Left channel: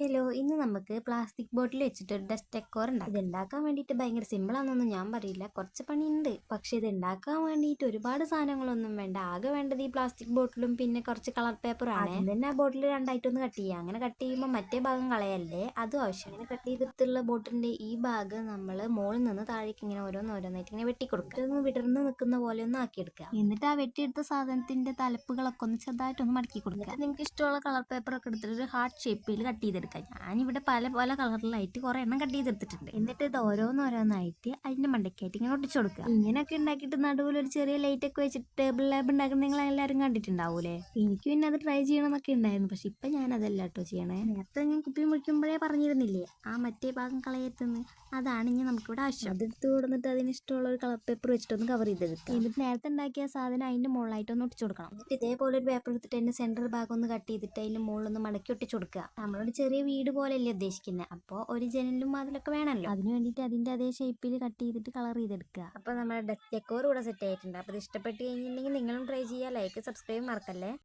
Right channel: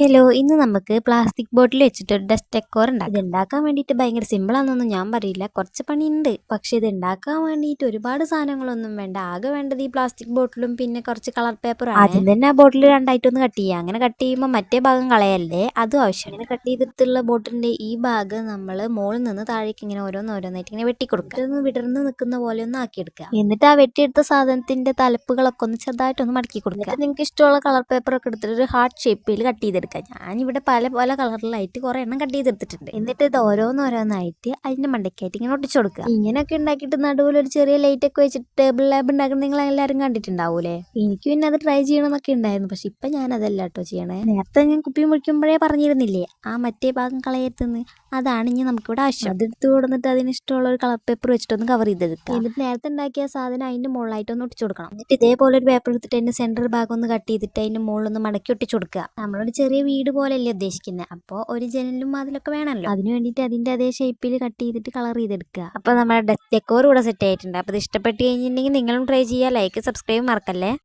Hello, ഇന്ന് നമുക്ക് plastic bottle വെച്ചിട്ട് ഒരു ഡസ്റ്റ് ഡെക്കോർ ഉണ്ടാക്കാം. ഇത് ഉണ്ടാക്കാൻ വേണ്ടിയിട്ട് ഭയങ്കര സിമ്പിളാണെന്നൊന്നും ഞാൻ പറയില്ല, കുറച്ച് പണിയുണ്ട്. പക്ഷെ ഇത് ഉണ്ടാക്കാൻ വേണ്ടിയിട്ട് ഒരുപാട് സാധനങ്ങളൊന്നും വേണ്ട. ആകെ വേണ്ടത് ഈ പ്ലാസ്റ്റിക് ബോട്ടിലും പിന്നെ കുറച്ച് കളർ പേപ്പറും. ആദ്യം തന്നെ ആ ബോട്ടിൽ രണ്ടായിട്ടൊന്ന് കട്ട് ചെയ്യുക. അങ്ങനെ കട്ട് ചെയ്യുമ്പോൾ മറ്റേ ഭാഗം കളയല്ലേ, അതും ആവശ്യം. അങ്ങനെ കട്ട് ചെയ്തിട്ടുള്ള ബോട്ടിലിന്റെ ഈ ഭാഗം നമ്മൾ മുകളിൽ നിന്ന് താഴേക്ക് ഇങ്ങനെ ഓരോന്നോരോന്നായിട്ട് ഇങ്ങനെ വെട്ടിക്കൊടുക്കുക. ഇതൊന്ന് വിടർന്ന് നിൽക്കുന്ന പോലെ ഒന്ന് ആക്കിയെടുക്കുക. എന്നിട്ട് ആ വെട്ടിയെടുത്ത സാധനത്തിന്റെ തലപ്പുകളൊക്കെ ഒന്ന് ചെറുതായിട്ടൊന്ന് മടക്കി കൊടുക്കുക. നിങ്ങൾക്ക് ഇഷ്ടമുള്ള കളർ പേപ്പറൊക്കെ എടുത്തിട്ട് ഒരു ഹാർട്ട് ഷേപ്പിൽ കട്ട് ചെയ്തെടുക്കുക. ഞാനിവിടെ പല പല കളറിലായിട്ട് കുറെ എണ്ണം കട്ട് ചെയ്തെടുത്തിട്ടുണ്ട്. എന്നിട്ട് ഇത് ഓരോന്നോരോന്നായിട്ട് അതിന്റെ മണ്ടയ്ക്കായിട്ട് ഇങ്ങനെ ഒട്ടിച്ചു കൊടുക്കുക. ഇങ്ങനെയൊക്കെ ഉണ്ടാക്കിയിട്ട് നടുവിൽ ഒരു ചെറിയ ലൈറ്റ് ഒക്കെ വെച്ചിട്ട് ടേബിൾ ലാമ്പ് ഉണ്ടാക്കുന്നത് നിങ്ങൾ എല്ലാവരും കണ്ടിട്ടുണ്ടാവൂലേ. എനിക്ക് പിന്നെ അത് ട്രൈ ചെയ്യണമെന്നൊക്കെ ഉണ്ടായിരുന്നു, പക്ഷെ ഇപ്പൊ ഞാൻ അതല്ല കേട്ടോ ചെയ്യണേ. നേരത്തെ ഞാൻ കുപ്പി മുറിക്കുമ്പോഴേ പറഞ്ഞിരുന്നില്ലേ ആ മറ്റേ ഭാഗം കളയരുതെന്ന്. അതാണ് ഇനി നമുക്കിവിടെ ആവശ്യം. അതെടുത്ത് കൊടുത്തിട്ട് അതിന് ഇഷ്ടമുള്ള ഒരു കളർ പേപ്പർ വെച്ചിട്ടൊന്ന് കവർ ചെയ്തെടുക്കുക. എന്നിട്ട് നേരത്തെ ഉണ്ടാക്കിയ സാധനം അതിന്റെ മുകളിലായിട്ട് ഒന്ന് ഒട്ടിച്ചു കൊടുക്കണം. എന്നിട്ട് ഇതേപോലെ ഒരു പേപ്പർ എടുത്തിട്ട് അതിന്റെ സെന്റർ ഭാഗം ഒന്ന് കട്ട് ചെയ്തിട്ട് അതിന്റെ മുകളിലൊന്ന് മടക്കി ഒട്ടിച്ചു കൊടുക്കുക. നമ്മളൊരു ചെറിയ വീട് പോലെയല്ലേ ഉദ്ദേശിക്കുന്നത്, അപ്പോൾ ഒരു ജനലും അതിലൊക്കെ വേണമല്ലോ. അതിന് വേണ്ടിയിട്ട് അതിന്റെ അതേ ഷേപ്പിൽ കട്ട് ചെയ്തിട്ട് കളർ ചെയ്തെടുക്കുക. അപ്പോൾ നമ്മുടെ ഡെക്കോർ ഇവിടെ സെറ്റ് ആയിട്ടുണ്ട്. അപ്പോൾ ഇത് ഇഷ്ടപ്പെട്ട് കഴിഞ്ഞിട്ടുണ്ടെങ്കിൽ നിങ്ങളും ട്രൈ ചെയ്യുക. ലൈക്ക് സബ്സ്ക്രൈബ് മറക്കല്ലേ.